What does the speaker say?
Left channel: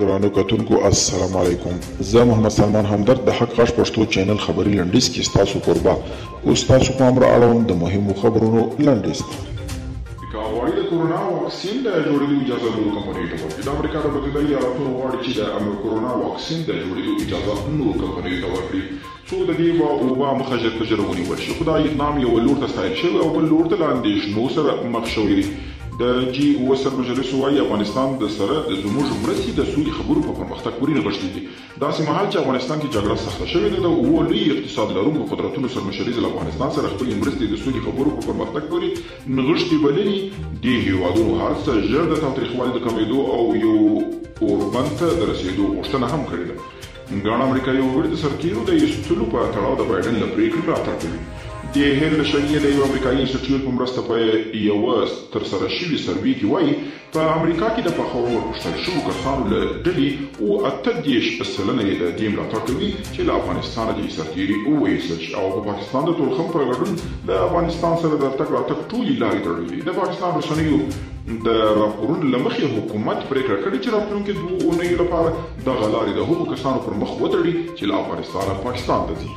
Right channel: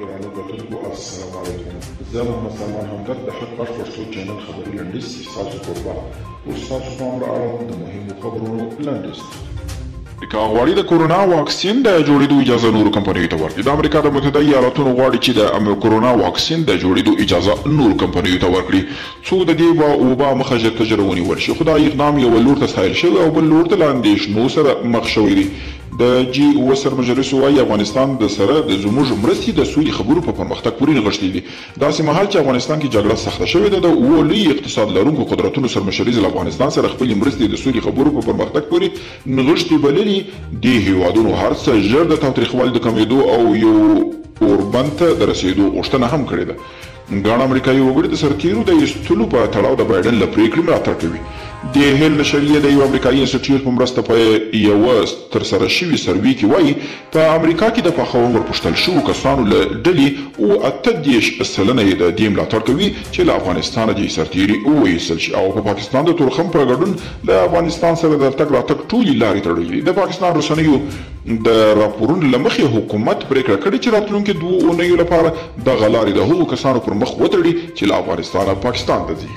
ګرانو کتونکو السلام علیکم. زه محمد سلمان همدرد د حق غږ پښتو چینل خبري لنډیز کې ستاسو قربا اوس تاسو پام را اړوم د مهمو خبرونو لنډیز. امریکا غواړي د کورونا واکسین د جوړېدو اجازه نورو کمپنیو ته ورکړي. د امریکا د متحده ایالاتونو غواړي چې د کورونا واکسین د جوړېدو اجازه نورو کمپنیو ته ورکړي څو د دې وبا مخه ژر ونیول شي. خو دا اقدام یو لور ته سایل شوی او بل لور ته له اندېښنو سره مخ شوی دی. د جی او سرمجلس وايي افغانستان د سره د زموږ مرستې د سولې خبرو په پرمختګ پورې نغښتې دي. داسې مهال چې افغانستان کې جګړه سخته شوې ده، د اوو لوی اقتصاد لرونکو قدرتونو سرمشري له افغانستان سره خپلې مرستې د سولې خبرو په پرمختګ پورې نغښتې بللي. دې هیوادونو هر څه ژر د تاوتریخوالي د کمېدو او یو اوربند ته د رسېدو غوښتنه هم کړې ده. ګڼ امریکایي وګړي د سرتیرو د ایستلو په تړاو د بایډن له پرېکړې ملاتړ کوي. د هیل بشریه د یو امریکایي انسټیټیوټ په مرسته په یوه ترسره شوي سروې کې وایي په امریکا کې د پخوا ورپوښتل شوو کسانو له ډلې 38% یې د دې ملاتړ کوي چې له افغانستانه دې سرتیري وویستل شي او په پاکستان د تورخم په ګډون د افغانستان سره د تګ راتګ ټولې لارې تړلې دي. د پاکستان رسنیو د راپورونو له مخې حکومت پرېکړه کړې چې راتلونکي 2 اونیو لپاره دغه لارې د هغو کسانو پر مخ وتړي چې له افغانستانه پاکستان ته ځي.